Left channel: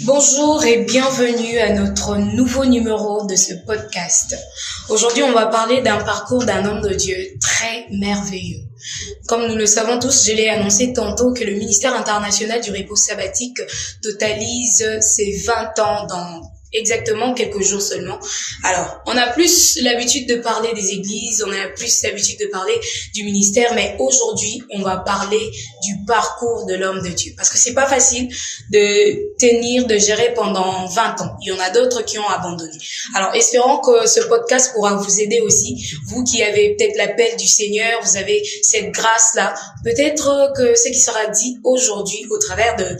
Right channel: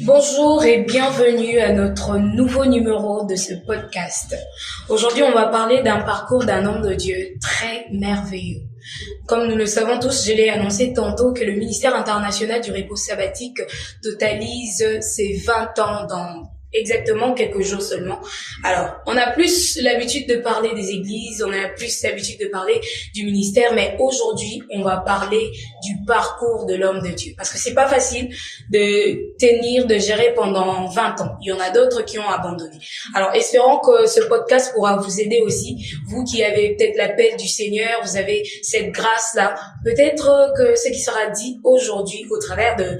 Bonjour et bienvenue à notre nouveau numéro de ce podcast. Aujourd'hui, on va parler d'un parcours d'un homme de Dieu très merveilleux. Comme nous le savons tous, je l'ai annoncé tantôt que le ministère international du repos sabbatique totalise ses 20 ans dans exactement quelques jours seulement. Alors, on a plus l'habitude de parler des églises, on a plus l'habitude de parler du ministère, mais aujourd'hui, on va parler du parcours de l'homme de Dieu. Parce que c'est pas facile de tenir, de gérer pendant 20 ans. Il y en a d'autres qui ont abandonné. Alors, espérons que ce podcast pourra vous aider aussi. Vous qui avez peut-être l'appel du Seigneur, vous avez cette grâce-là. Peut-être que ce qui sera dit aujourd'hui au travers de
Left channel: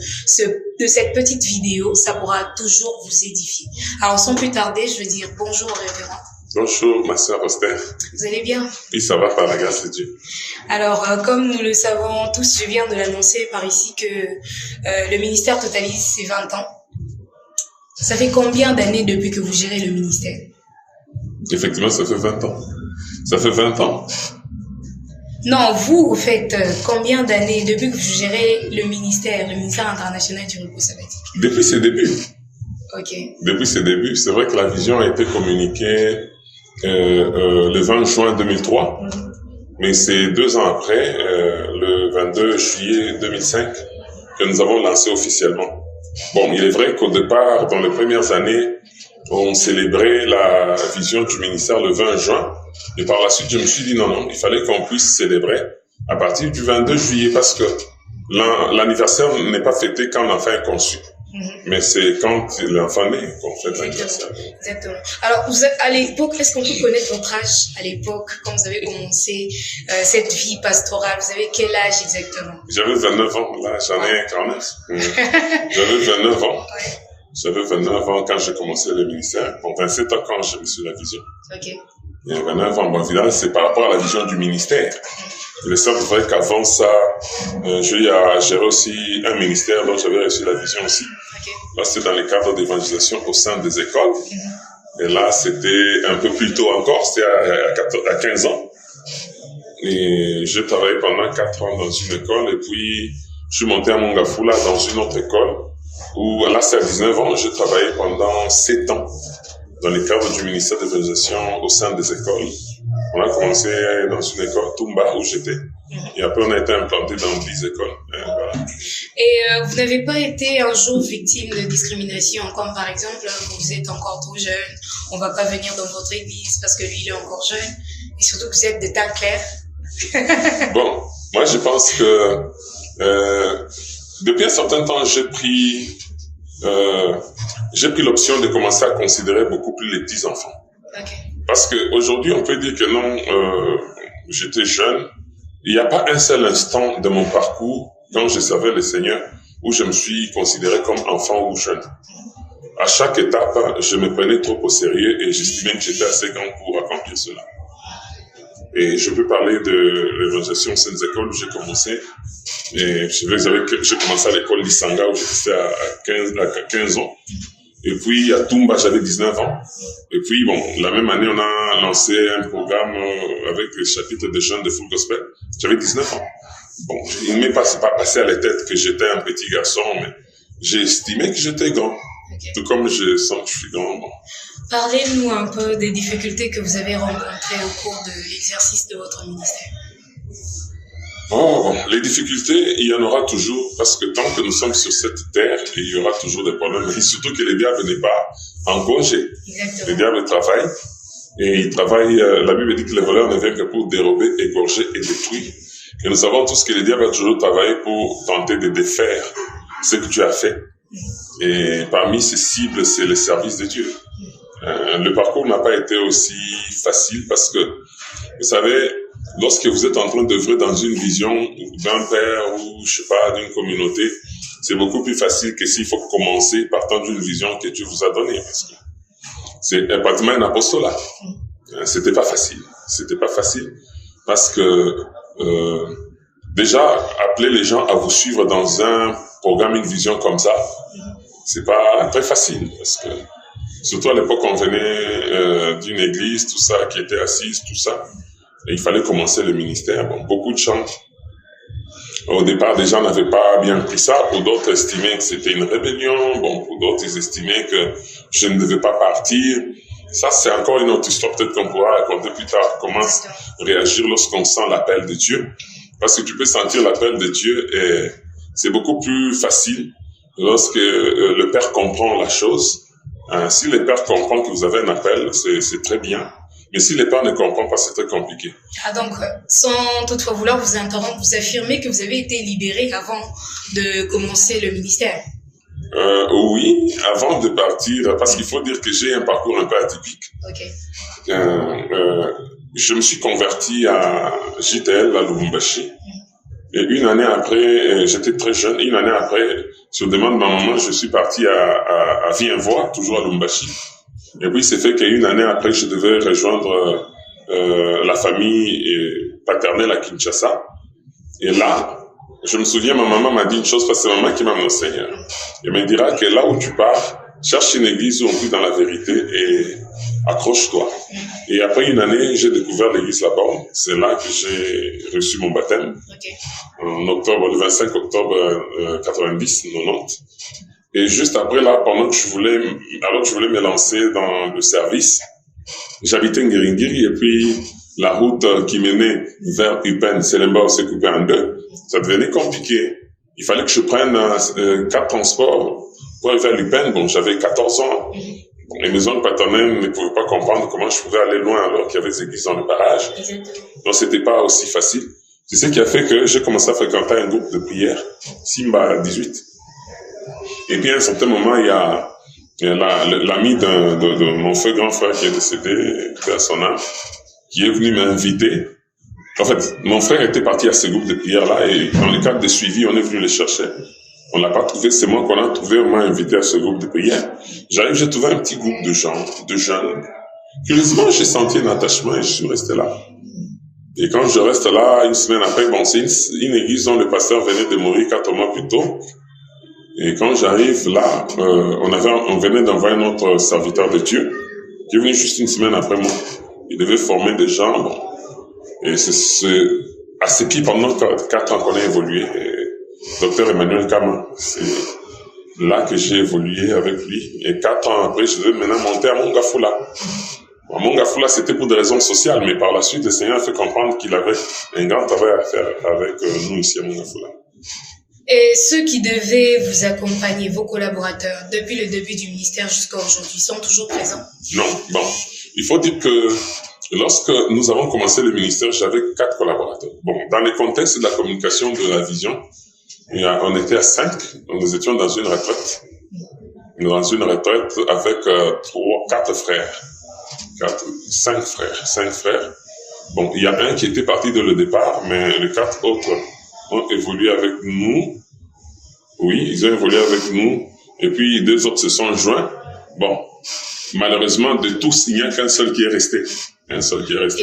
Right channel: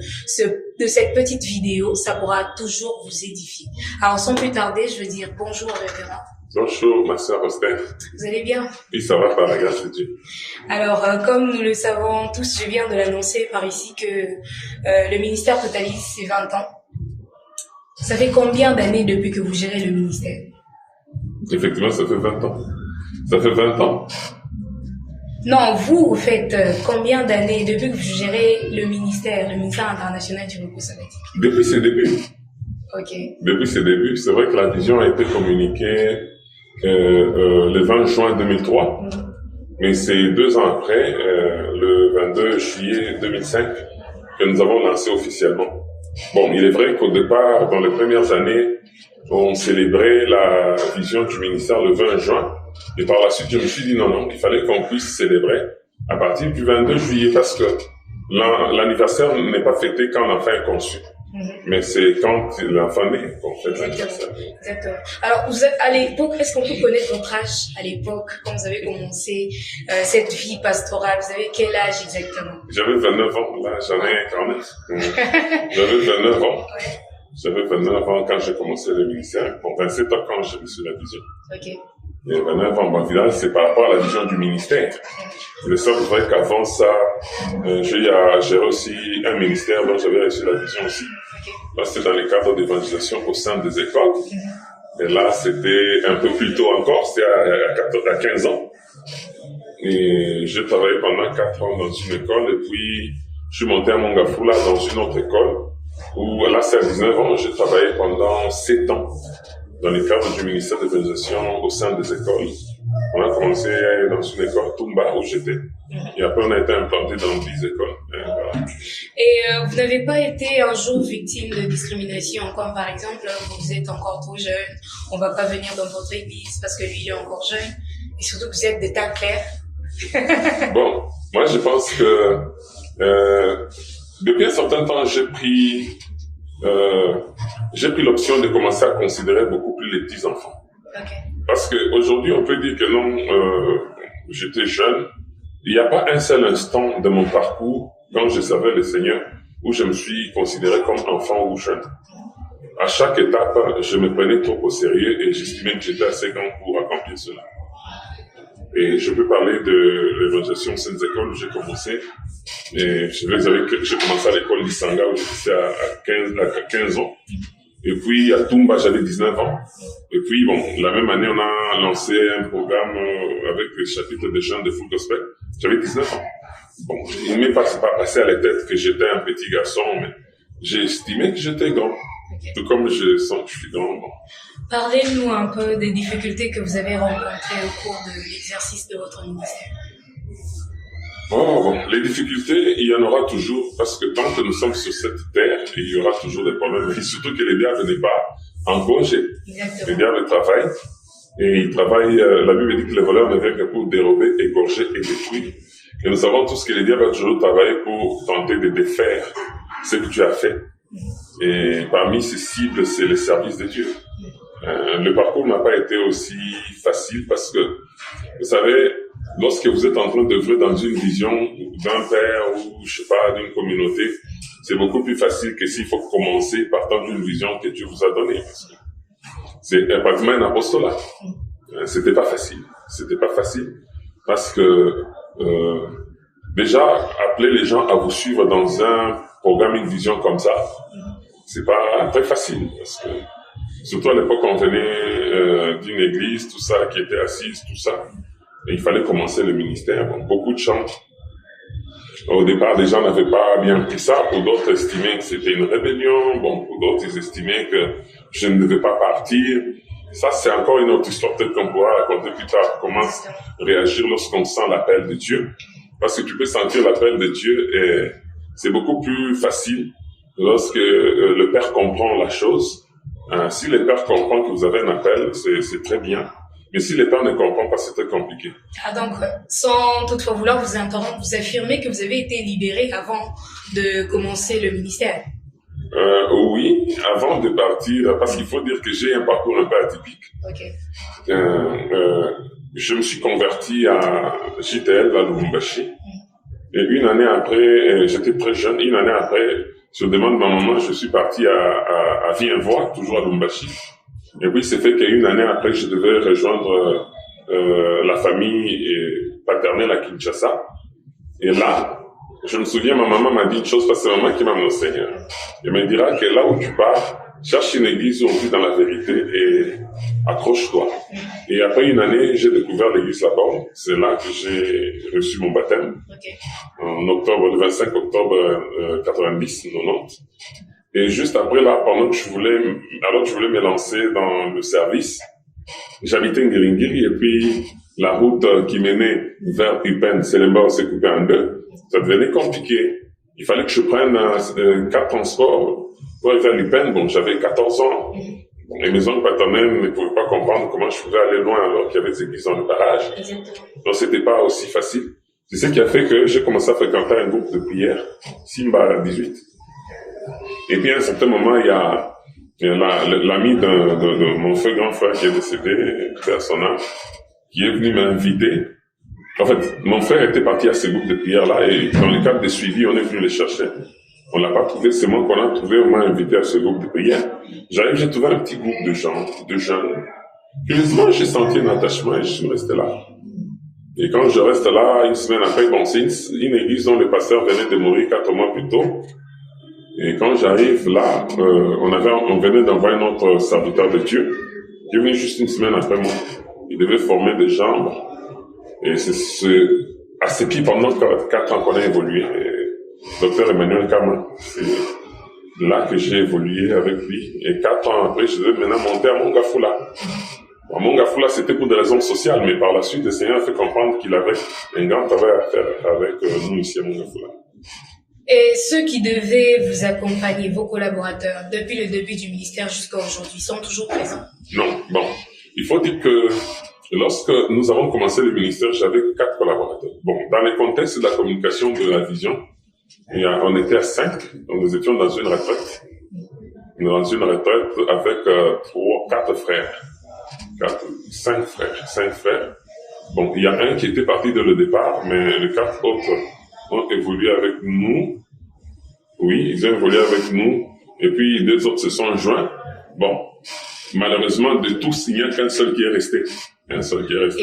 cette petite vidéo, ça pourra toujours vous édifier. Alors, sans plus tarder, je veux dire bonjour au révérend. Bonjour, ma sœur Esther. Vous allez bien? Oui, ça va par la grâce de Dieu. Alors, comme nous le savons tous, je viens de l'annoncer par ici que le ministère totalise ses 20 ans. Ça fait combien d'années depuis que vous gérez le ministère? Effectivement, ça fait 20 ans. Ça fait 20 ans. Non, vous faites combien d'années depuis que vous gérez le ministère international du repos sabbatique? Depuis ses débuts. Ok. Depuis ses débuts, c'est vrai que la vision a été communiquée le 20 juin 2003, mais c'est 2 ans après, le 22 juillet 2005, que nous avons lancé officiellement. Bon, il est vrai qu'au départ, dans les premières années, on célébrait la vision du ministère le 20 juin, et par la suite, je me suis dit non, il fallait qu'on puisse célébrer à partir du 22 juillet, parce que l'anniversaire n'est pas fêté quand l'enfant est conçu. Mais c'est quand l'enfant naît qu'on fait l'anniversaire. Exactement. Alors, vous êtes, à l'époque, est-ce qu'on peut connaître votre âge à l'époque, quand vous avez commencé cette vie pastorale? Vous avez quel âge exactement? J'avais 29 ans, là j'en ai 49. J'avais 29 ans. J'avais 29 ans quand j'ai commencé le ministère. Bon, 27 ans quand j'ai reçu la vision. Ok. Il y a 29 ans. Bon, évidemment, c'est par rapport à la vision du ministère. Il est vrai qu'avant ça, j'ai aussi un ministère dont j'avais reçu la vision aussi. Là, c'était dans le cadre d'évangélisation au sein des écoles. Et là, c'était un peu plus tôt encore, c'était à 15 ans. Et j'ai travaillé pendant 4 ans dans une école, et puis je suis monté à Mongafula dans une autre école, où là, c'est à 19 ans, j'ai travaillé pendant 7 ans dans le cadre du ministère d'évangélisation au sein des écoles. On a commencé dans une école Tumba où j'étais. Et après, on a été implanté dans 10 écoles. Voilà. Et vous n'avez pas été un jour victime de discrimination, comme par exemple, vous êtes encore trop jeune, on ne va pas venir dans votre église parce que lui, il est encore jeune, et surtout que vous êtes de teint clair. Bon, moi, je pense que depuis un certain temps, j'ai pris l'option de commencer à considérer beaucoup plus les petits-enfants. Okay. Parce qu'aujourd'hui, on peut dire que non, j'étais jeune. Il n'y a pas un seul instant de mon parcours, quand je servais le Seigneur, où je me suis considéré comme enfant ou jeune. À chaque étape, je me prenais trop au sérieux et j'estimais que j'étais assez grand pour accomplir cela. Et je peux parler de l'évangélisation au sein des écoles où j'ai commencé. Et j'ai commencé à l'école d'Isanga où j'étais à 15 ans. Et puis à Tumba, j'avais 19 ans. Et puis, bon, la même année, on a lancé un programme avec le chapitre des jeunes de Full Gospel. J'avais 19 ans. Bon, il ne m'est pas passé à la tête que j'étais un petit garçon, mais j'ai estimé que j'étais grand. Okay. Tout comme je sens que je suis grand. Bon. Parlez-nous un peu des difficultés que vous avez rencontrées au cours de l'exercice de votre ministère. Oh, les difficultés, il y en aura toujours, parce que tant que nous sommes sur cette terre, il y aura toujours des problèmes. Et surtout que le diable n'est pas en congé. Exactement. Le diable travaille, et il travaille, la Bible dit que le voleur ne vient que pour dérober, égorger et détruire. Et nous savons tous que le diable a toujours travaillé pour tenter de défaire ce que tu as fait. Et parmi ces cibles, c'est le service de Dieu. Le parcours n'a pas été aussi facile parce que, vous savez, lorsque vous êtes en train d'œuvrer dans une vision d'un père ou, je sais pas, d'une communauté, c'est beaucoup plus facile que s'il faut commencer partant d'une vision que Dieu vous a donnée. Parce que c'est pratiquement un apostolat. C'était pas facile. C'était pas facile parce que déjà, appeler les gens à vous suivre dans un programme, une vision comme ça, c'est pas très facile parce que surtout à l'époque, on venait d'une église, tout ça, qui était assise, tout ça. Et il fallait commencer le ministère. Bon, beaucoup de gens Au départ, les gens n'avaient pas bien pris ça. Pour d'autres, estimaient que c'était une rébellion. Bon, pour d'autres, ils estimaient que je ne devais pas partir. Ça, c'est encore une autre histoire, peut-être qu'on pourra raconter plus tard. Comment réagir lorsqu'on sent l'appel de Dieu. Parce que tu peux sentir l'appel de Dieu et c'est beaucoup plus facile lorsque le Père comprend la chose. Si le Père comprend que vous avez un appel, c'est très bien. Mais si le Père ne comprend pas, c'est très compliqué. Ah donc, sans toutefois vouloir vous interrompre, vous affirmez que vous avez été libéré avant de commencer le ministère. Oui, avant de partir, parce qu'il faut dire que j'ai un parcours un peu atypique. Ok. Je me suis converti à JTL, à Lubumbashi. Et une année après, j'étais très jeune, une année après, sur demande de ma maman, je suis parti à Vienvois, toujours à Lubumbashi. Et puis, c'est fait qu'une année après, je devais rejoindre la famille paternelle à Kinshasa. Et là, je me souviens, ma maman m'a dit une chose, parce que c'est maman qui m'a annoncé. Elle me dira que là où tu pars, cherche une église où on vit dans la vérité et accroche-toi. Et après une année, j'ai découvert l'église là-bas. C'est là que j'ai reçu mon baptême. Okay. En octobre, le 25 octobre 90. Et juste après là, alors que je voulais me lancer dans le service, j'habitais Ngiringiri et puis la route qui menait vers Upen, Selemba, s'est coupée en deux. Ça devenait compliqué. Il fallait que je prenne 4 transports pour aller vers Upen. Bon, j'avais 14 ans. Bon, les maisons paternelles ne pouvaient pas comprendre comment je pouvais aller loin alors qu'il y avait des églises dans le barrage. Donc, c'était pas aussi facile. C'est ce qui a fait que j'ai commencé à fréquenter un groupe de prière, Simba 18. Et puis, à un certain moment, il y a l'ami de mon feu grand frère qui est décédé, à son âme, qui est venu m'inviter. En fait, mon frère était parti à ce groupe de prière-là et dans le cadre des suivis, on est venu les chercher. On l'a pas trouvé, c'est moi qu'on a trouvé, on m'a invité à ce groupe de prière. J'arrive, j'ai trouvé un petit groupe de gens, de jeunes. Curieusement, j'ai senti un attachement et je suis resté là. Et quand je reste là, une semaine après, bon, c'est une église dont le pasteur venait de mourir 4 mois plus tôt. Et quand j'arrive là, on venait d'envoyer notre serviteur de Dieu, qui est venu juste une semaine après moi. Il devait former des gens, bon. Et c'est à ce qui, pendant 4 ans qu'on a évolué, Docteur Emmanuel Kama, c'est là que j'ai évolué avec lui. Et 4 ans après, je devais maintenant monter à Mongafula. À Mongafula, c'était pour des raisons sociales, mais par la suite, le Seigneur a fait comprendre qu'il avait un grand travail à faire avec nous ici à Mongafula. Et ceux qui devaient vous accompagner, vos collaborateurs, depuis le début du ministère jusqu'à aujourd'hui, sont toujours présents? Non, bon. Il faut dire que lorsque nous avons commencé le ministère, j'avais 4 collaborateurs. Bon, dans le contexte de la communication de la vision, on était à 5, nous étions dans une retraite. Avec 5 frères. Bon, il y a un qui était parti dès le départ, mais les 4 autres ont évolué avec nous. Oui, ils ont évolué avec nous. Et puis, 2 autres se sont joints. Bon, malheureusement, de tous, il n'y a qu'un seul qui est resté. Et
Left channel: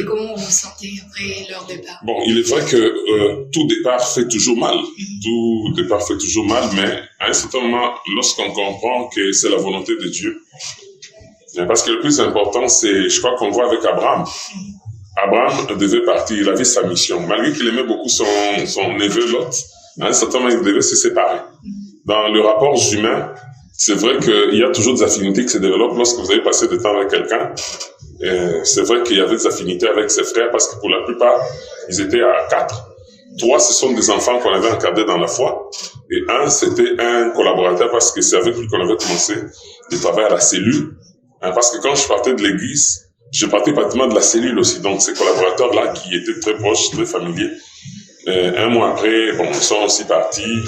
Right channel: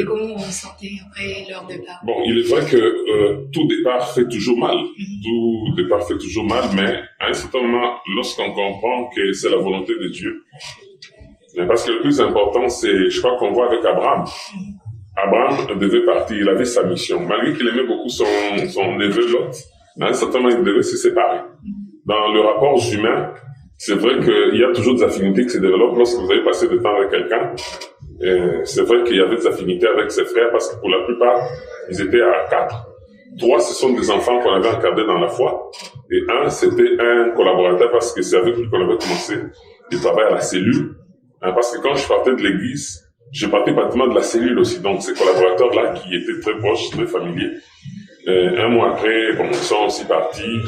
comment vous vous sentez après leur départ? Bon, il est vrai que tout départ fait toujours mal. Tout départ fait toujours mal, mais à un certain moment, lorsqu'on comprend que c'est la volonté de Dieu, parce que le plus important, c'est, je crois qu'on voit avec Abraham. Abraham devait partir, il avait sa mission. Malgré qu'il aimait beaucoup son neveu Lot, à un certain moment, il devait se séparer. Dans le rapport humain, c'est vrai qu'il y a toujours des affinités qui se développent lorsque vous avez passé du temps avec quelqu'un. C'est vrai qu'il y avait des affinités avec ses frères parce que pour la plupart, ils étaient à 4. 3, ce sont des enfants qu'on avait encadrés dans la foi. Et 1, c'était un collaborateur parce que c'est avec lui qu'on avait commencé de travailler à la cellule. Parce que quand je partais de l'église, je partais pratiquement de la cellule aussi. Donc, ces collaborateurs-là qui étaient très proches, très familiers. 1 mois après, bon, ils sont aussi partis.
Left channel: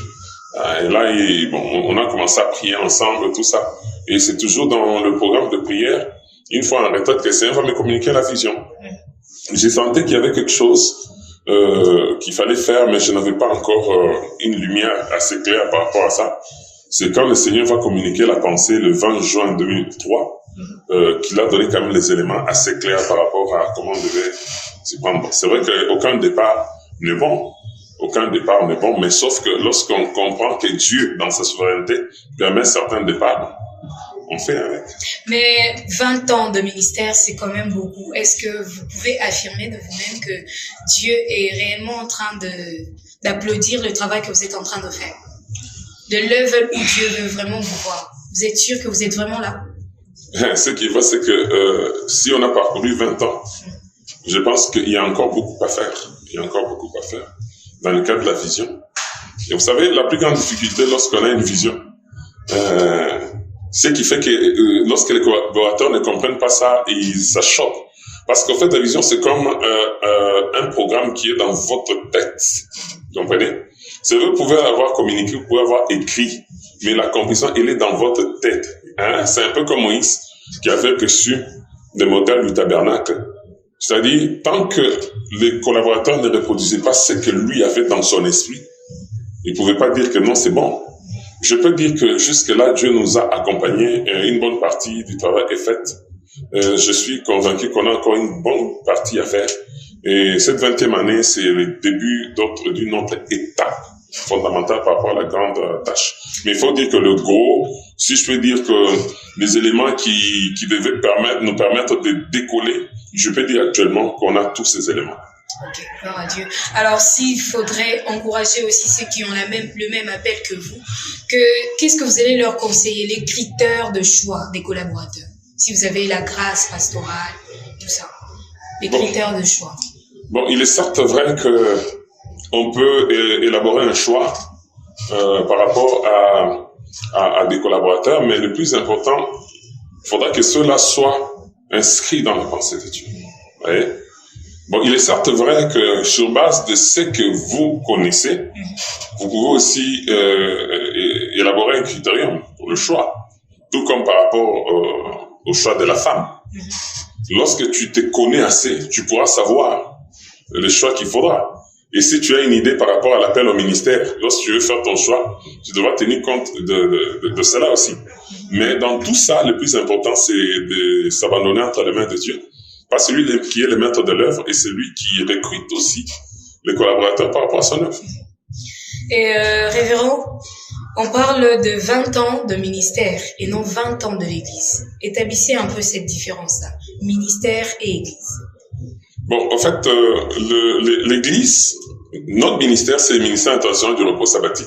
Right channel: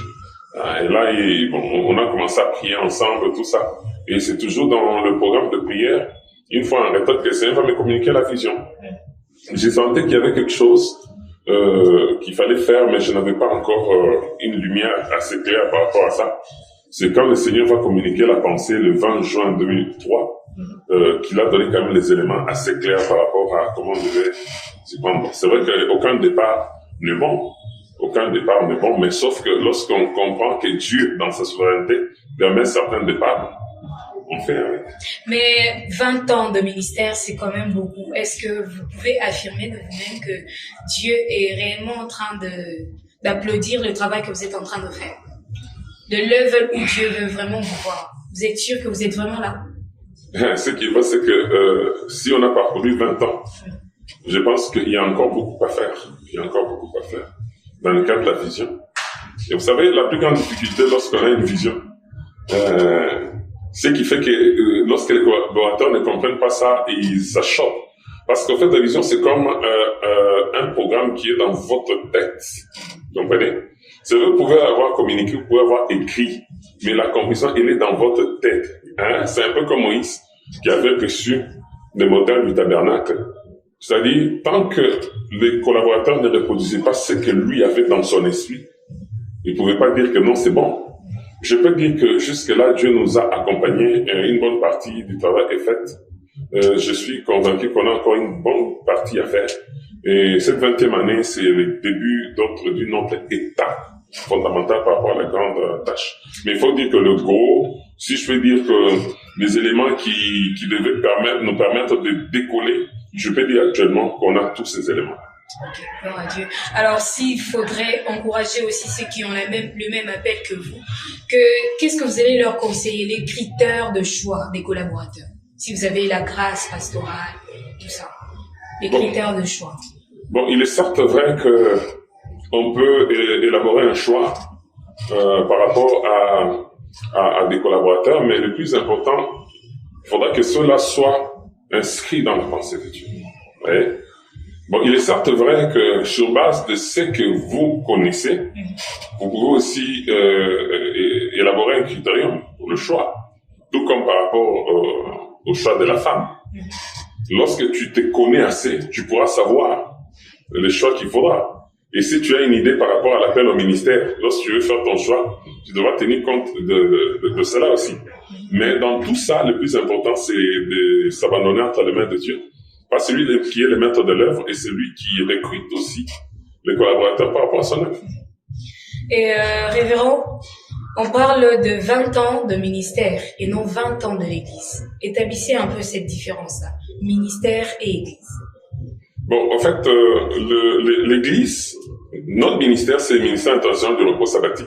Et là, on a commencé à prier ensemble, tout ça. Et c'est toujours dans le programme de prière, une fois en retraite, que le Seigneur va me communiquer la vision. J'ai senti qu'il y avait quelque chose qu'il fallait faire, mais je n'avais pas encore une lumière assez claire par rapport à ça. C'est quand le Seigneur va communiquer la pensée le 20 juin 2003 qu'il a donné quand même les éléments assez clairs par rapport à comment on devait s'y prendre. C'est vrai qu'aucun départ n'est bon. Mais sauf que lorsqu'on comprend que Dieu, dans sa souveraineté, permet certains départs, on fait avec. Mais 20 ans de ministère, c'est quand même beaucoup. Est-ce que vous pouvez affirmer de vous-même que Dieu est réellement en train d'applaudir le travail que vous êtes en train de faire, de l'œuvre où Dieu veut vraiment vous voir. Vous êtes sûr que vous êtes vraiment là? Ce qui va, c'est que si on a parcouru 20 ans, je pense qu'il y a encore beaucoup à faire. Il y a encore beaucoup à faire dans le cadre de la vision. Et vous savez, la plus grande difficulté lorsqu'on a une vision, c'est qui fait que lorsque les collaborateurs ne comprennent pas ça, ça choque. Parce qu'en fait, la vision, c'est comme un programme qui est dans votre tête. Vous comprenez? C'est vrai, vous pouvez avoir communiqué, vous pouvez avoir écrit, mais la compréhension, elle est dans votre tête. Hein? C'est un peu comme Moïse qui avait reçu le modèle du tabernacle. C'est-à-dire, tant que les collaborateurs ne reproduisaient pas ce que lui avait dans son esprit, il ne pouvait pas dire que non, c'est bon. Je peux dire que jusque-là, Dieu nous a accompagnés. Une bonne partie du travail est faite. Je suis convaincu qu'on a encore une bonne partie à faire. Et cette 20e année, c'est le début d'une autre étape fondamentale par rapport à la grande tâche. Mais il faut dire que le gros, si je peux dire que les éléments qui devaient nous permettre de décoller, je peux dire actuellement qu'on a tous ces éléments. Ok, gloire à Dieu. Alors, s'il faudrait encourager aussi ceux qui ont le même appel que vous, qu'est-ce que vous allez leur conseiller, les critères de choix des collaborateurs? Si vous avez la grâce pastorale, tout ça, les critères de choix. Bon, il est certes vrai qu'on peut élaborer un choix par rapport à des collaborateurs, mais le plus important, il faudra que ceux-là soient inscrits dans la pensée de Dieu. Vous voyez? Bon, il est certes vrai que sur base de ce que vous connaissez, vous pouvez aussi élaborer un critérium pour le choix, tout comme par rapport au choix de la femme. Lorsque tu te connais assez, tu pourras savoir le choix qu'il faudra. Et si tu as une idée par rapport à l'appel au ministère, lorsque tu veux faire ton choix, tu devras tenir compte de cela aussi. Mais dans tout ça, le plus important, c'est de s'abandonner entre les mains de Dieu. Pas celui qui est le maître de l'œuvre et celui qui recrute aussi les collaborateurs par rapport à son œuvre. Et révérend, on parle de 20 ans de ministère et non 20 ans de l'Église. Établissez un peu cette différence-là, ministère et Église. Bon, en fait, l'Église, notre ministère, c'est le ministère international du repos sabbatique.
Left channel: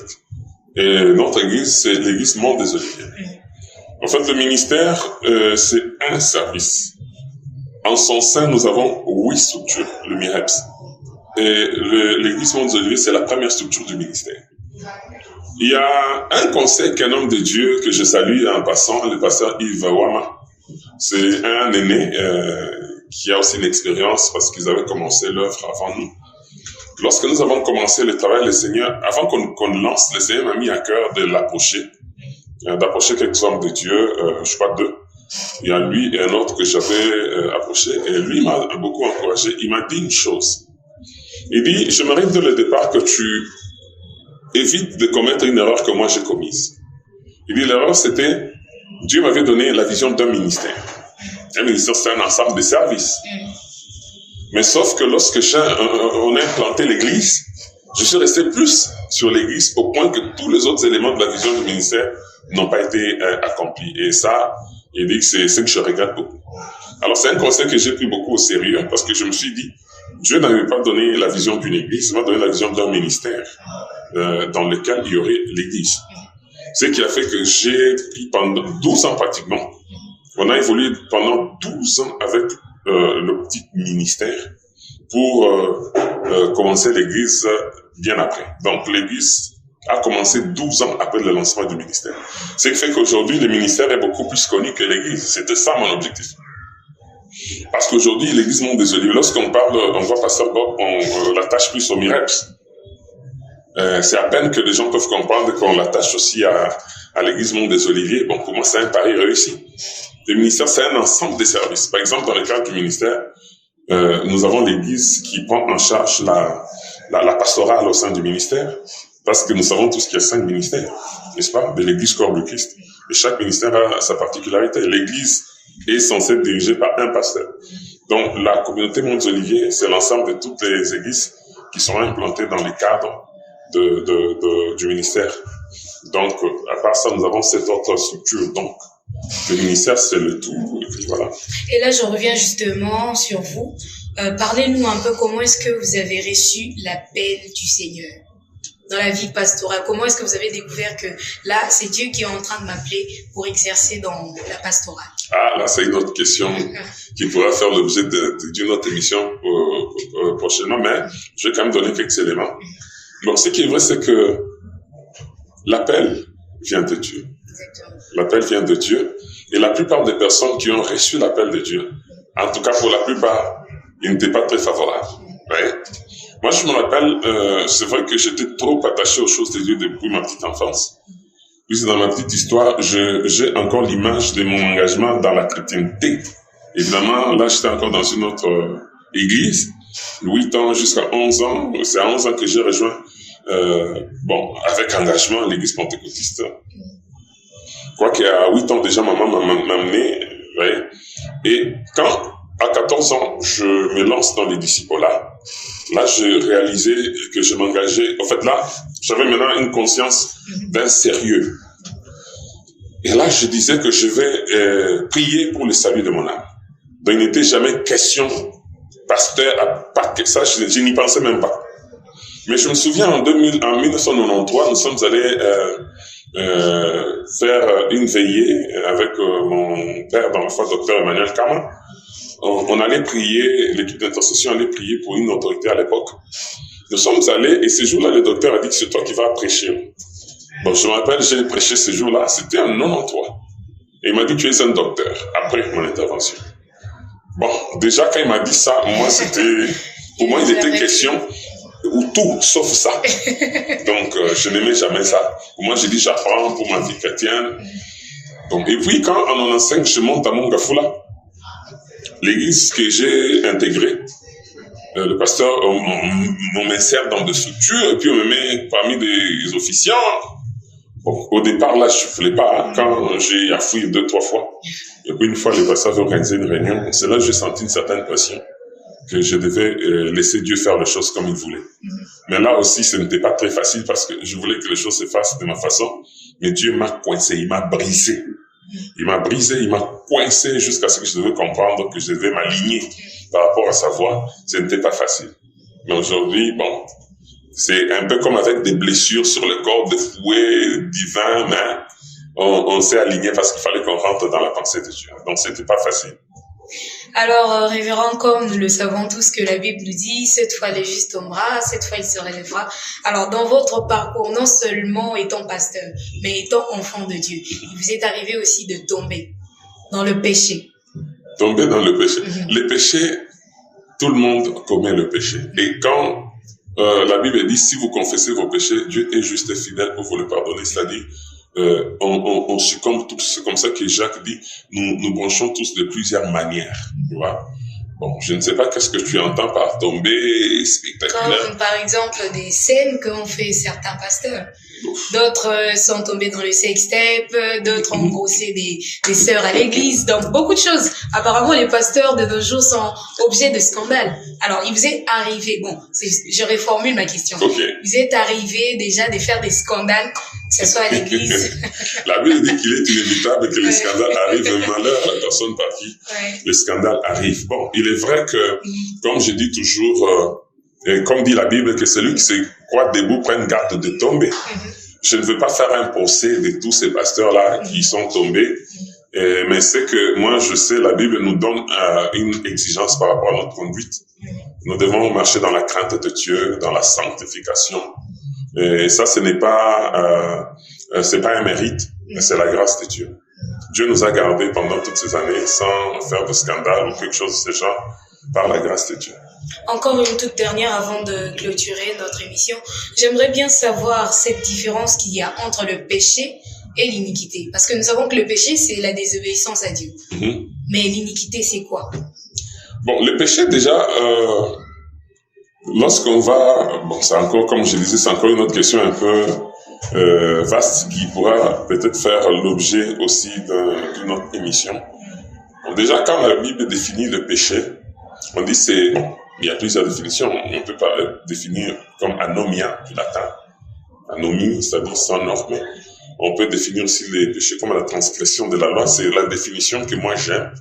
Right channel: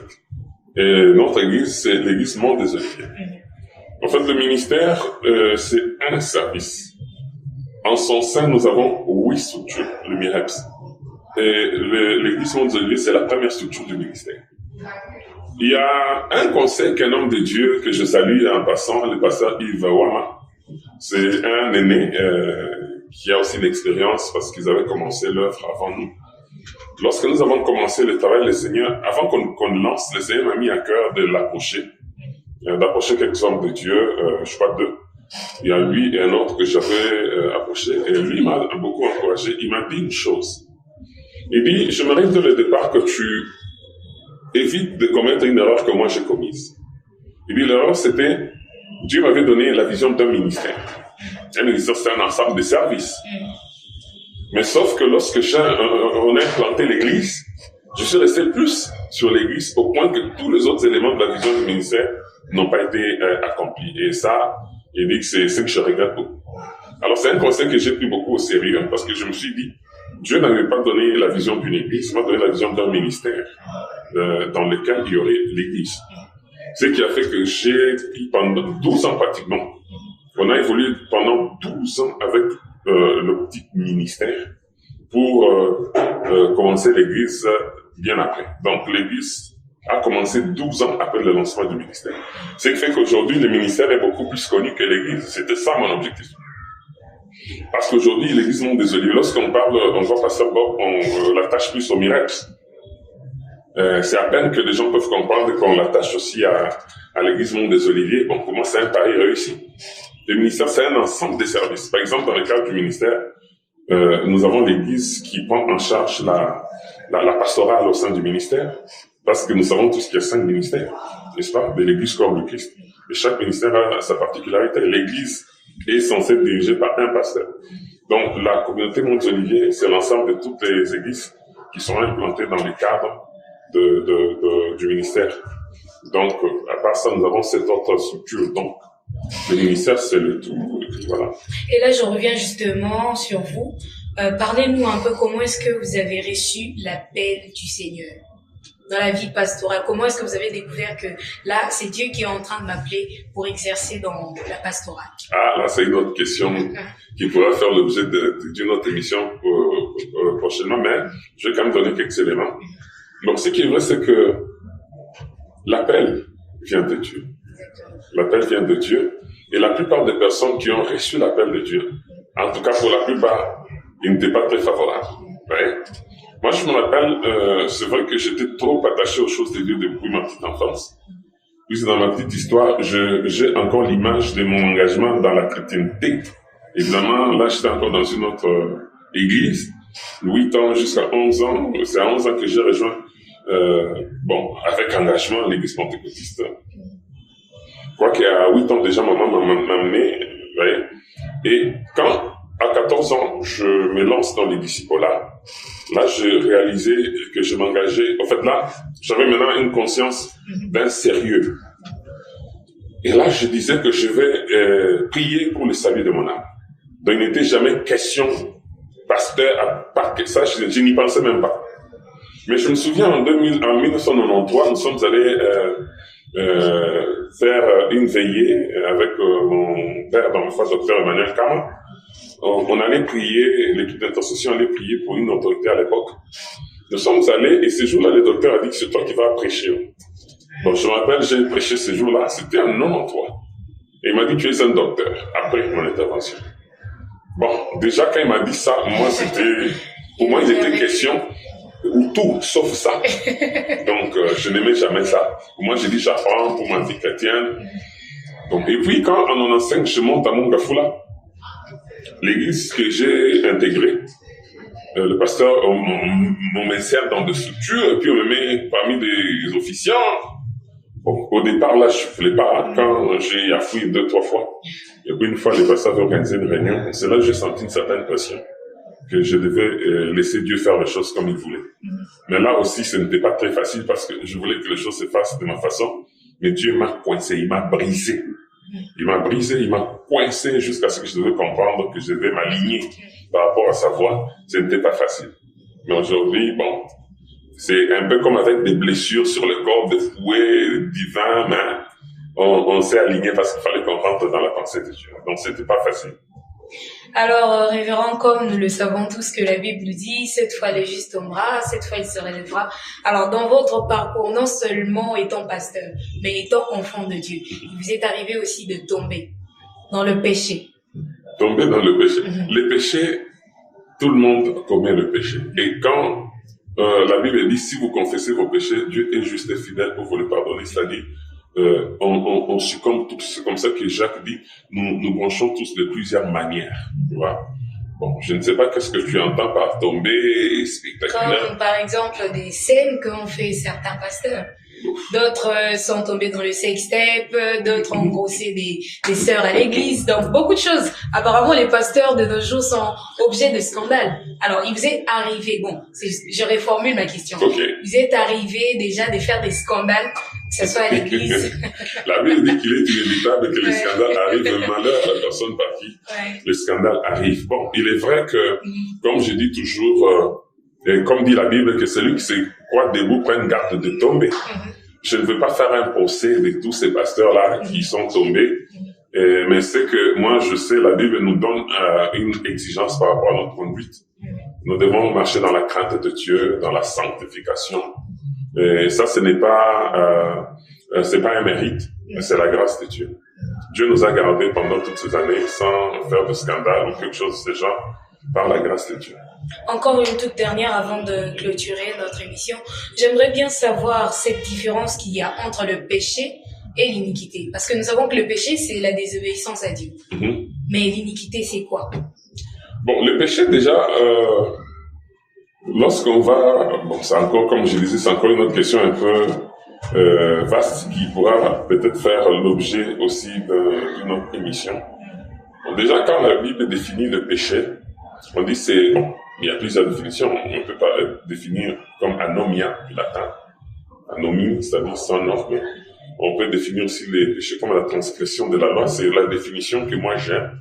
Et notre Église, c'est l'Église Monde des Oliviers. En fait, le ministère, c'est un service. En son sein, nous avons 8 structures, le MIREPS. Et l'Église Monde des Oliviers, c'est la première structure du ministère. Il y a un conseil qu'un homme de Dieu, que je salue en passant, le pasteur Yves Wama. C'est un aîné qui a aussi une expérience parce qu'ils avaient commencé l'œuvre avant nous. Lorsque nous avons commencé le travail, le Seigneur, avant qu'on lance, le Seigneur m'a mis à cœur de l'approcher, d'approcher quelques hommes de Dieu, je crois 2. Il y a lui et un autre que j'avais approché, et lui m'a beaucoup encouragé. Il m'a dit une chose. Il dit, j'aimerais dès le départ que tu évites de commettre une erreur que moi j'ai commise. Il dit, l'erreur c'était, Dieu m'avait donné la vision d'un ministère. Un ministère, c'est un ensemble de services. Mais sauf que lorsque on a implanté l'église, je suis resté plus sur l'église au point que tous les autres éléments de la vision du ministère n'ont pas été accomplis. Et ça, il dit que c'est ce que je regrette beaucoup. Alors c'est un conseil que j'ai pris beaucoup au sérieux parce que je me suis dit, Dieu n'avait pas donné la vision d'une église, il m'a donné la vision d'un ministère dans lequel il y aurait l'église. Ce qui a fait que j'ai pris pendant 12 ans pratiquement, on a évolué pendant 12 ans avec le petit ministère pour commencer l'église bien après. Donc l'église a commencé 12 ans après le lancement du ministère. Ce qui fait qu'aujourd'hui, le ministère est beaucoup plus connu que l'église. C'était ça mon objectif. Parce qu'aujourd'hui, l'église Monde des Oliviers, lorsqu'on parle, on voit Pasteur Bob, on l'attache plus au miracle. C'est à peine que les gens peuvent comprendre qu'on l'attache aussi à l'église Monde des Oliviers. Bon, pour moi, c'est un pari réussi. Le ministère, c'est un ensemble de services. Par exemple, dans le cadre du ministère, nous avons l'église qui prend en charge la pastorale au sein du ministère, parce que nous savons tous qu'il y a 5 ministères, n'est-ce pas, de l'église corps du Christ. Et chaque ministère a sa particularité. L'église est censée être dirigée par un pasteur. Donc, la communauté Monde des Oliviers, c'est l'ensemble de toutes les églises qui sont implantées dans les cadres du ministère. Donc, à part ça, nous avons cette autre structure. Donc, le ministère, c'est le tout. Voilà. Et là, je reviens justement sur vous. Parlez-nous un peu comment est-ce que vous avez reçu l'appel du Seigneur. dans la vie pastorale? Comment est-ce que vous avez découvert que là, c'est Dieu qui est en train de m'appeler pour exercer dans la pastorale? Ah, là, c'est une autre question qui pourra faire l'objet d'une autre émission prochainement, mais je vais quand même donner quelques éléments. Donc, ce qui est vrai, c'est que l'appel vient de Dieu. L'appel vient de Dieu. Et la plupart des personnes qui ont reçu l'appel de Dieu, en tout cas pour la plupart, ils n'étaient pas très favorables. Ouais. Moi, je me rappelle, c'est vrai que j'étais trop attaché aux choses de Dieu depuis ma petite enfance. Puis dans ma petite histoire, j'ai encore l'image de mon engagement dans la chrétienté. Évidemment, là, j'étais encore dans une autre église, 8 ans jusqu'à 11 ans. C'est à 11 ans que j'ai rejoint, avec engagement, l'église pentecôtiste. Quoi qu'à 8 ans déjà, maman m'a amené, ouais. Et quand, à 14 ans, je me lance dans les discipolats, là, j'ai réalisé que je m'engageais. En fait, là, j'avais maintenant une conscience d'un sérieux. Et là, je disais que je vais prier pour le salut de mon âme. Donc, il n'était jamais question, pasteur, pas que ça, je n'y pensais même pas. Mais je me souviens, en 1993, nous sommes allés faire une veillée avec mon père, dans la foi, docteur Emmanuel Kama. On allait prier, l'équipe d'intercession allait prier pour une autorité à l'époque. Nous sommes allés, et ce jour-là, le docteur a dit que c'est toi qui vas prêcher. Bon, je me rappelle, j'ai prêché ce jour-là, c'était en 93. Et il m'a dit, tu es un docteur, après mon intervention. Bon, déjà, quand il m'a dit ça, pour moi, il était question, ou tout, sauf ça. Donc, je n'aimais jamais ça. Pour moi, j'ai dit, j'apprends pour ma vie chrétienne. Donc, et puis, quand en 95, je monte à Mongafula, l'église que j'ai intégrée, le pasteur, on m'insère dans des structures, et puis on me met parmi des officiants. Bon, au départ, là, je ne voulais pas. Quand j'ai affouillé 2-3 fois, et puis une fois, le pasteur avait organisé une réunion, c'est là que j'ai senti une certaine pression, que je devais laisser Dieu faire les choses comme il voulait. Mais là aussi, ce n'était pas très facile parce que je voulais que les choses se fassent de ma façon, mais Dieu m'a coincé, il m'a brisé. Il m'a brisé, il m'a coincé jusqu'à ce que je devais comprendre que je devais m'aligner par rapport à sa voix. Ce n'était pas facile. Mais aujourd'hui, bon, c'est un peu comme avec des blessures sur le corps, des fouets divins, mais on s'est aligné parce qu'il fallait qu'on rentre dans la pensée de Dieu. Donc, c'était pas facile. Alors, révérend, comme nous le savons tous que la Bible dit, cette fois le juste tombera, cette fois il se relèvera. Alors, dans votre parcours, non seulement étant pasteur, mais étant enfant de Dieu, il vous est arrivé aussi de tomber dans le péché. Tomber dans le péché. Le péché, tout le monde commet le péché. Et quand la Bible dit, si vous confessez vos péchés, Dieu est juste et fidèle pour vous le pardonner, c'est-à-dire, on succombe tous. C'est comme ça que Jacques dit, nous branchons tous de plusieurs manières. Tu vois? Bon, je ne sais pas qu'est-ce que tu entends par tomber spectaculaire. Comme par exemple des scènes qu'ont fait certains pasteurs. D'autres sont tombés dans le sextape, d'autres ont grossé des sœurs à l'église, donc beaucoup de choses. Apparemment, les pasteurs de nos jours sont objets de scandale. Alors, il vous est arrivé, je reformule ma question. Okay. Il vous est arrivé déjà de faire des scandales, que ce soit à l'église. La Bible dit qu'il est inévitable que les scandales arrivent, mais malheur à la personne par qui les scandales arrivent. Bon, il est vrai que, comme je dis toujours, comme dit la Bible, que celui qui se croit debout prenne garde de tomber. Je ne veux pas faire un procès de tous ces pasteurs-là qui sont tombés, mais c'est que moi, je sais, la Bible nous donne une exigence par rapport à notre conduite. Nous devons marcher dans la crainte de Dieu, dans la sanctification. Et ça, ce n'est pas, c'est pas un mérite, mais c'est la grâce de Dieu. Dieu nous a gardés pendant toutes ces années sans faire de scandale ou quelque chose de ce genre, par la grâce de Dieu. Encore une toute dernière avant de clôturer notre émission. J'aimerais bien savoir cette différence qu'il y a entre le péché et l'iniquité. Parce que nous savons que le péché, c'est la désobéissance à Dieu. Mais l'iniquité, c'est quoi? Bon, le péché, déjà, lorsqu'on va... Bon, c'est encore, comme je disais, c'est encore une autre question un peu vaste qui pourra peut-être faire l'objet aussi d'une autre émission. Bon, déjà, quand la Bible définit le péché, on dit c'est... Bon, il y a plusieurs définitions. On peut pas définir comme anomia du latin. Anomie, c'est-à-dire sans norme. On peut définir aussi les péchés comme la transgression de la loi. C'est la définition que moi j'aime.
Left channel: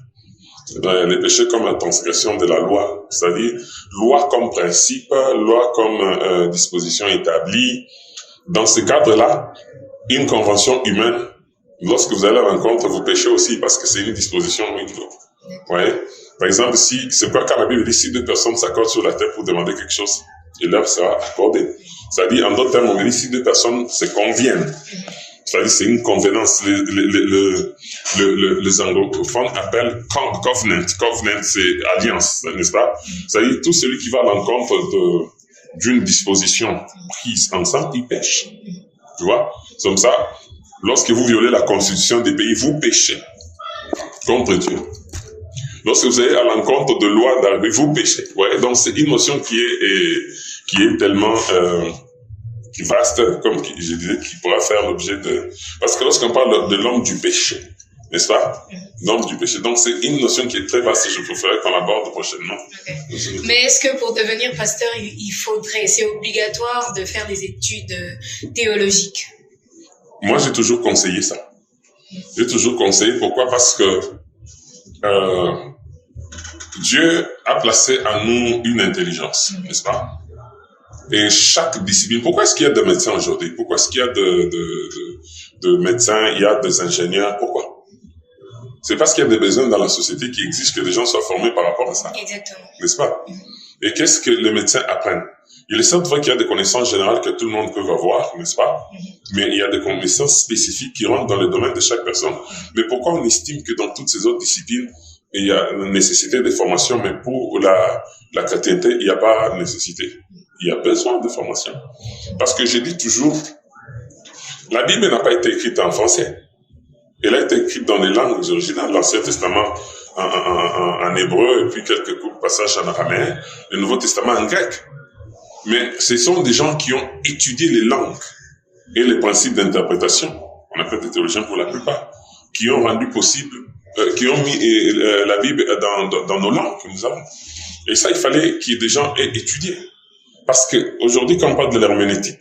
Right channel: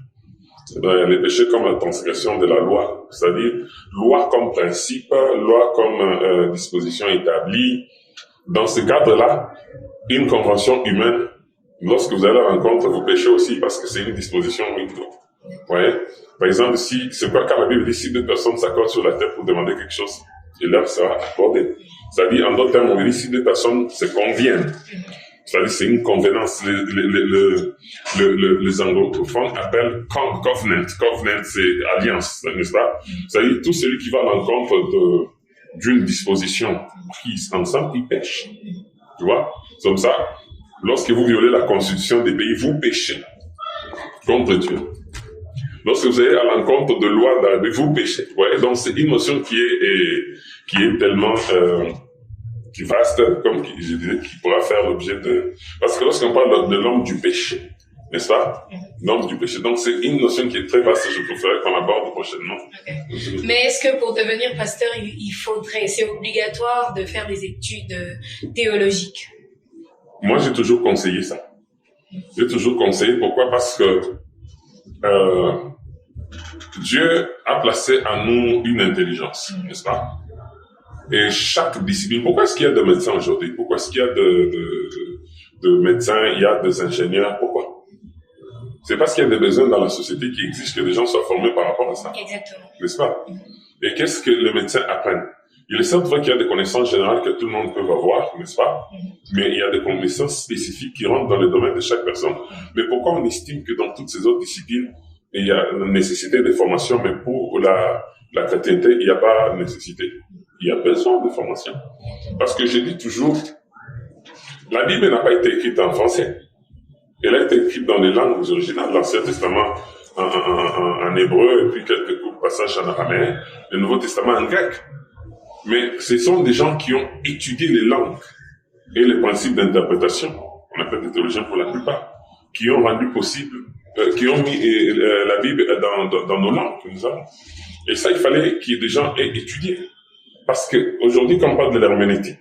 Les péchés comme la transgression de la loi. C'est-à-dire loi comme principe, loi comme disposition établie, dans ce cadre-là, une convention humaine, lorsque vous allez à la rencontre, vous péchez aussi parce que c'est une disposition ouais. Par exemple, si, c'est quoi quand la Bible dit, si deux personnes s'accordent sur la terre pour demander quelque chose, et là, ça va accorder. C'est-à-dire, en d'autres termes, on dit, si deux personnes se conviennent, c'est-à-dire, c'est une convenance. Les anglophones appellent covenant. Covenant, c'est alliance, n'est-ce pas? C'est-à-dire, tout celui qui va à l'encontre d'une disposition prise ensemble, il pêche. Tu vois? C'est comme ça, lorsque vous violez la constitution des pays, vous péchez contre Dieu. Lorsque vous allez à l'encontre de lois d'arrivée, vous péchez. Ouais, donc c'est une notion qui est tellement qui vaste, comme je disais, qui pourra faire l'objet de... Parce que lorsqu'on parle de l'homme du péché, n'est-ce pas? L'homme du péché. Donc c'est une notion qui est très vaste et je préférerais qu'on l'aborde prochainement. Okay. Mais est-ce que pour devenir pasteur, c'est obligatoire de faire des études théologiques? Moi, j'ai toujours conseillé ça. J'ai toujours conseillé. Pourquoi? Parce que Dieu a placé en nous une intelligence, n'est-ce pas? Et chaque discipline... Pourquoi est-ce qu'il y a des médecins aujourd'hui? Pourquoi est-ce qu'il y a de médecins, il y a des ingénieurs? Pourquoi? C'est parce qu'il y a des besoins dans la société qui exigent que les gens soient formés par rapport à ça. Exactement. N'est-ce pas? Et qu'est-ce que les médecins apprennent? Il est certes vrai qu'il y a des connaissances générales que tout le monde peut avoir, n'est-ce pas? Mais il y a des connaissances spécifiques qui rentrent dans le domaine de chaque personne. Mais pourquoi on estime que dans toutes ces autres disciplines, il y a une nécessité de formation, mais pour la chrétienté, il n'y a pas de nécessité? Il y a besoin de formation. Parce que je dis toujours, la Bible n'a pas été écrite en français. Elle a été écrite dans les langues originales, l'Ancien Testament en hébreu, et puis quelques passages en araméen, le Nouveau Testament en grec. Mais ce sont des gens qui ont étudié les langues et les principes d'interprétation, on appelle des théologiens pour la plupart, qui ont rendu possible, qui ont mis la Bible dans nos langues que nous avons. Et ça, il fallait qu'il y ait des gens aient étudié. Parce qu'aujourd'hui, quand on parle de l'herméneutique,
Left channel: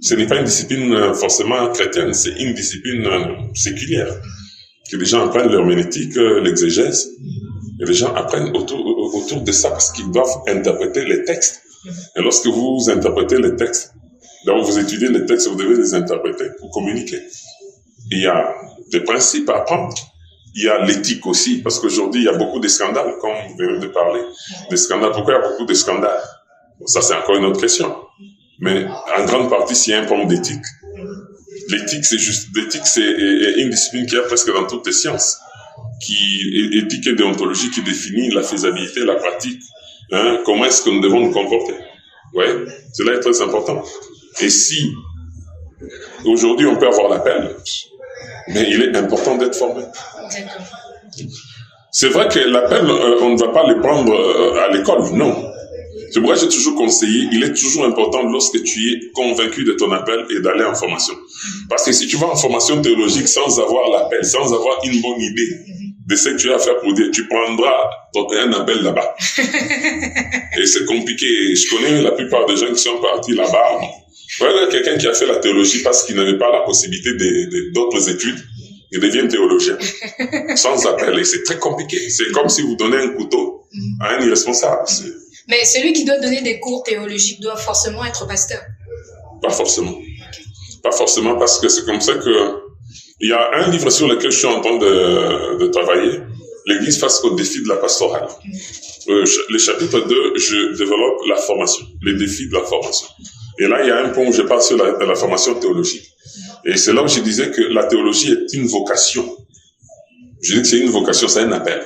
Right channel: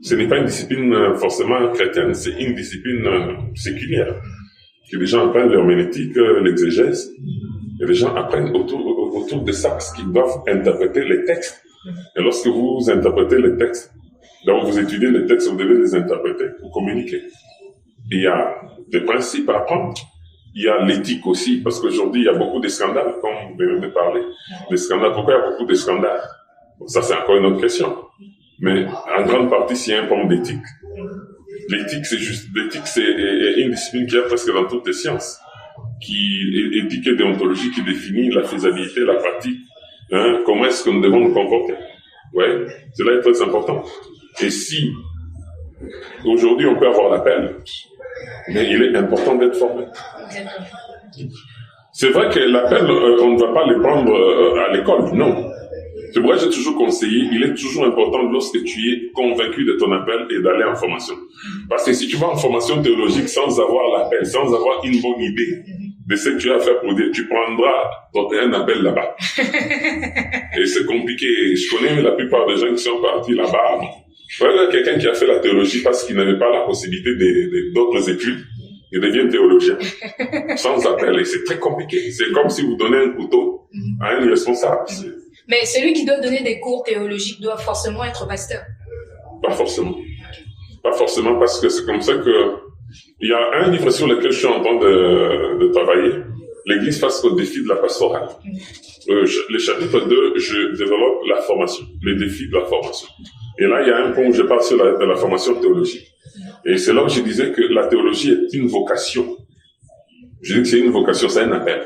ce n'est pas une discipline forcément chrétienne, c'est une discipline séculière. Que les gens apprennent l'herméneutique, l'exégèse, et les gens apprennent autour de ça parce qu'ils doivent interpréter les textes. Et lorsque vous interprétez les textes, donc vous étudiez les textes, vous devez les interpréter pour communiquer. Il y a des principes à apprendre. Il y a l'éthique aussi, parce qu'aujourd'hui, il y a beaucoup de scandales, comme vous venez de parler. Des scandales. Pourquoi il y a beaucoup de scandales? Bon, ça, c'est encore une autre question. Mais en grande partie, s'il y a un problème d'éthique. L'éthique, c'est une discipline qui est presque dans toutes les sciences. Éthique et déontologie qui définit la faisabilité, la pratique. Hein, comment est-ce que nous devons nous comporter? Ouais, cela est très important. Et si, aujourd'hui, on peut avoir l'appel, mais il est important d'être formé. C'est vrai que l'appel, on ne va pas le prendre à l'école, non. C'est pourquoi j'ai toujours conseillé, il est toujours important lorsque tu es convaincu de ton appel et d'aller en formation. Parce que si tu vas en formation théologique sans avoir l'appel, sans avoir une bonne idée de ce que tu as à faire pour dire, tu prendras un appel là-bas. Et c'est compliqué. Je connais la plupart des gens qui sont partis là-bas. Voilà quelqu'un qui a fait la théologie parce qu'il n'avait pas la possibilité d'autres études. Il devient théologien. Sans appel. Et c'est très compliqué. C'est comme si vous donnez un couteau à un irresponsable. Mais celui qui doit donner des cours théologiques doit forcément être pasteur? Pas forcément. Pas forcément, parce que c'est comme ça que... Il y a un livre sur lequel je suis en train de travailler, l'Église face au défi de la pastorale. Le chapitre 2, je développe la formation, les défis de la formation. Et là, il y a un point où je parle sur la formation théologique. Et c'est là où je disais que la théologie est une vocation. Je dis que c'est une vocation, c'est un appel.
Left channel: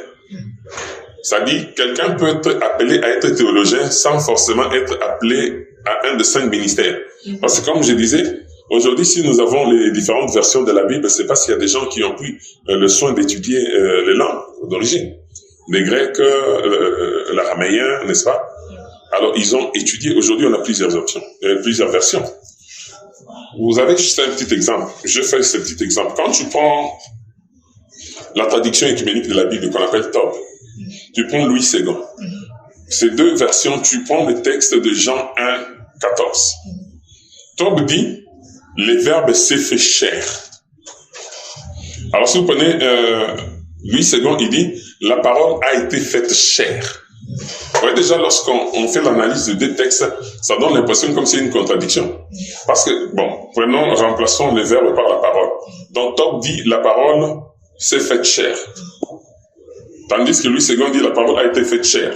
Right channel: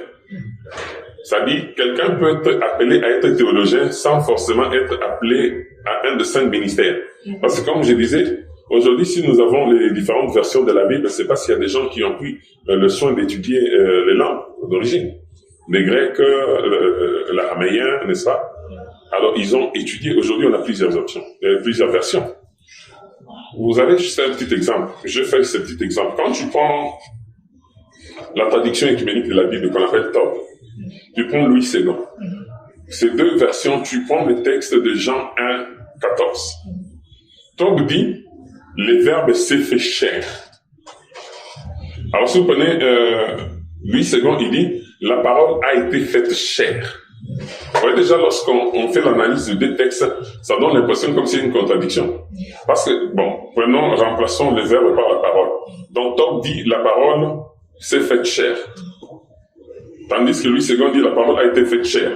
Ça dit, quelqu'un peut être appelé à être théologien sans forcément être appelé à un de 5 ministères. Parce que comme je disais, aujourd'hui, si nous avons les différentes versions de la Bible, c'est parce qu'il y a des gens qui ont pris le soin d'étudier les langues d'origine. Les Grecs, l'araméen, n'est-ce pas? Alors, ils ont étudié. Aujourd'hui, on a plusieurs options, plusieurs versions. Vous avez juste un petit exemple. Je fais ce petit exemple. Quand tu prends la traduction écuménique de la Bible qu'on appelle TOB, tu prends Louis II. Ces deux versions, tu prends le texte de Jean 1, 14. TOB dit, le Verbe s'est fait chair. Alors, si vous prenez Louis II, il dit, la parole a été faite chair. voyez déjà, lorsqu'on fait l'analyse de deux textes, ça donne l'impression comme s'il y a une contradiction. Parce que, remplaçons le verbe par la parole. Donc, Top dit, la parole s'est faite chair. Tandis que Louis II dit, la parole a été faite chair.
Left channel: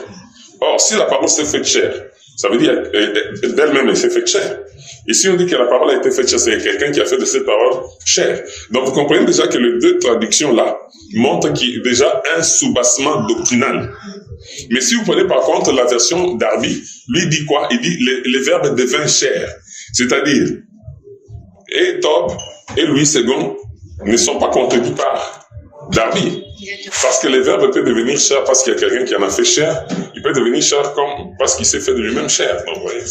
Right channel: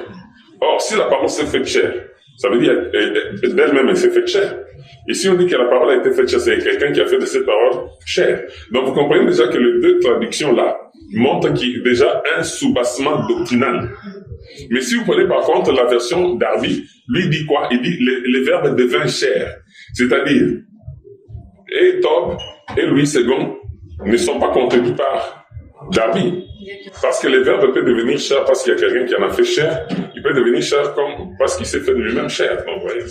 Or, si la parole s'est faite chair, ça veut dire d'elle-même, elle s'est faite chair. Et si on dit que la parole a été faite chair, c'est quelqu'un qui a fait de cette parole chair. Donc, vous comprenez déjà que les deux traductions-là montrent qu'il y a déjà un soubassement doctrinal. Mais si vous prenez par contre la version d'Arby, lui dit quoi? Il dit les verbes deviennent chair. C'est-à-dire, et Top et Louis II ne sont pas contredits par Darby. Parce que les verbes peuvent devenir chair parce qu'il y a quelqu'un qui en a fait chair. Il peut devenir chair comme parce qu'il s'est fait de lui-même chair. Donc, voyez,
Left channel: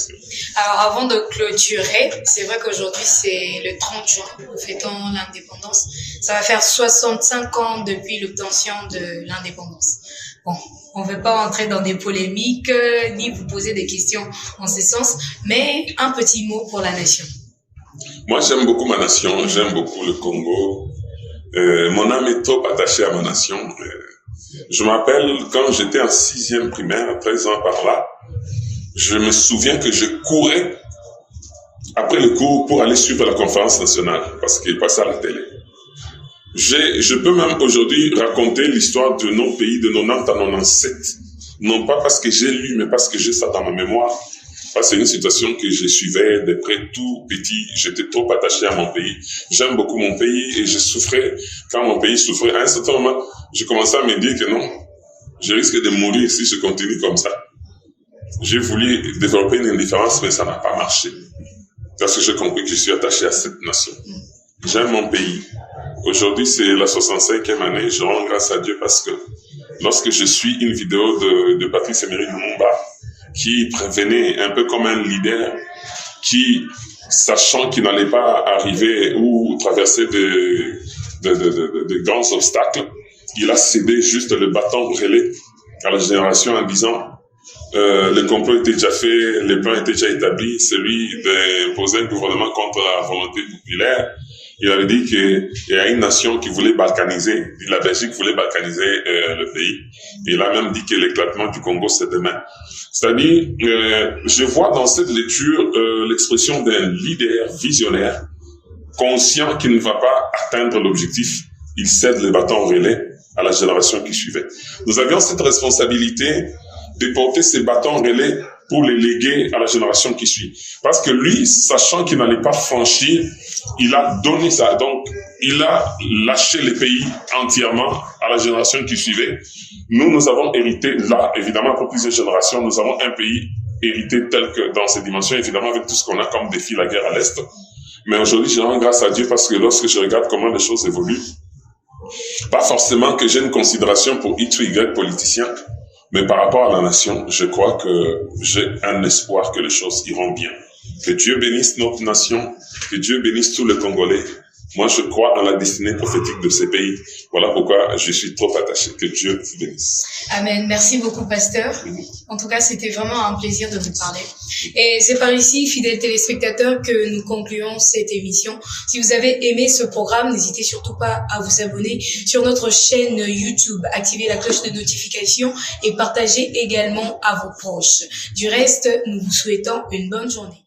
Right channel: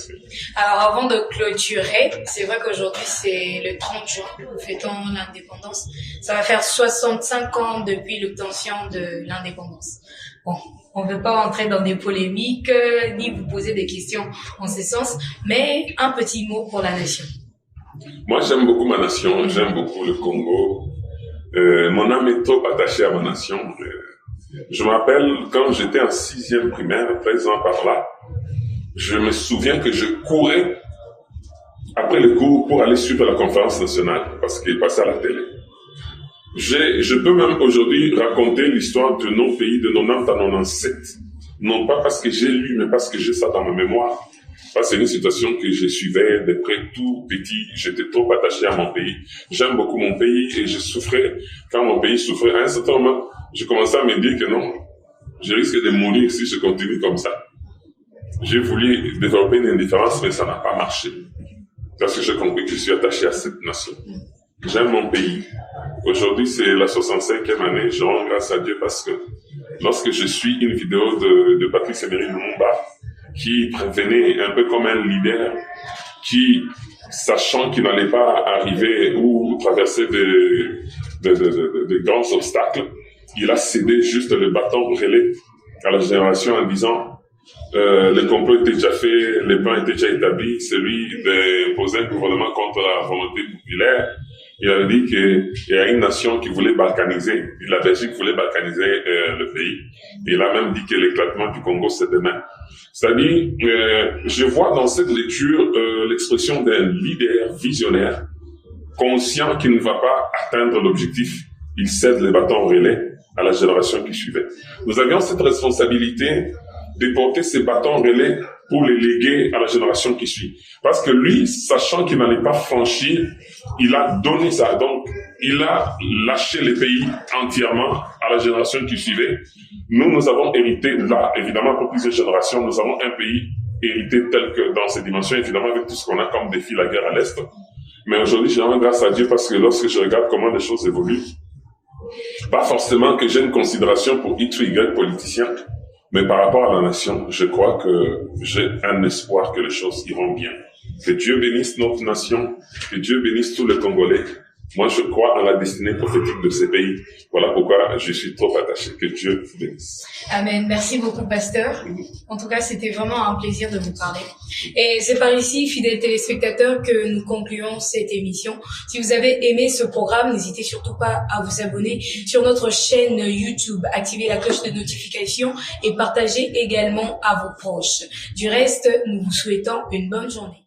alors, avant de clôturer, c'est vrai qu'aujourd'hui, c'est le 30 juin, nous fêtons l'indépendance. Ça va faire 65 ans depuis l'obtention de l'indépendance. Bon, on ne veut pas entrer dans des polémiques, ni vous poser des questions en ce sens, mais un petit mot pour la nation. Moi, j'aime beaucoup ma nation, j'aime beaucoup le Congo. Mon âme est trop attachée à ma nation. Je me rappelle quand j'étais en 6e primaire, 13 ans par là, je me souviens que je courais après le cours pour aller suivre la conférence nationale parce qu'il passait à la télé. Je peux même aujourd'hui raconter l'histoire de nos pays de 90 à 97. Non pas parce que j'ai lu, mais parce que j'ai ça dans ma mémoire. C'est une situation que je suivais de près tout petit. J'étais trop attaché à mon pays. J'aime beaucoup mon pays et je souffrais quand mon pays souffrait. À un certain moment, je commençais à me dire que non, je risque de mourir si je continue comme ça. J'ai voulu développer une indifférence, mais ça n'a pas marché. Parce que j'ai compris que je suis attaché à cette nation. J'aime mon pays. Aujourd'hui, c'est la 65e année. Je rends grâce à Dieu parce que lorsque je suis une vidéo de Patrice Emery Lumumba, qui prévenait un peu comme un leader, qui, sachant qu'il n'allait pas arriver ou traverser de grands obstacles, il a cédé juste le bâton relais à la génération en disant le complot était déjà fait, les plans étaient déjà établis, celui d'imposer un gouvernement contre la volonté populaire. Il avait dit qu'il y a une nation qui voulait balkaniser, la Belgique voulait balkaniser le pays. Il a même dit que l'éclatement du Congo, c'est demain. C'est-à-dire, je vois dans cette lecture l'expression d'un leader visionnaire, conscient qu'il ne va pas atteindre l'objectif. Il cède le bâton relais à la génération qui suivait. Nous avions cette responsabilité de porter ces bâtons relais pour les léguer à la génération qui suit. Parce que lui, sachant qu'il n'allait pas franchir, il a donné ça. Donc, il a lâché les pays entièrement à la génération qui suivait. Nous avons hérité, là, évidemment, pour plusieurs générations, nous avons un pays hérité tel que dans ces dimensions, évidemment, avec tout ce qu'on a comme défi, la guerre à l'Est. Mais aujourd'hui, je rends grâce à Dieu parce que lorsque je regarde comment les choses évoluent, pas forcément que j'ai une considération pour X ou Y politicien, mais par rapport à la nation, je crois que j'ai un espoir que les choses iront bien. Que Dieu bénisse notre nation, que Dieu bénisse tous les Congolais. Moi, je crois en la destinée prophétique de ces pays. Voilà pourquoi je suis trop attaché. Que Dieu vous bénisse. Amen. Merci beaucoup, pasteur. En tout cas, c'était vraiment un plaisir de vous parler. Et c'est par ici, fidèles téléspectateurs, que nous concluons cette émission. Si vous avez aimé ce programme, n'hésitez surtout pas à vous abonner sur notre chaîne YouTube, activer la cloche de notification et partagez également à vos proches. Du reste, nous vous souhaitons une bonne journée.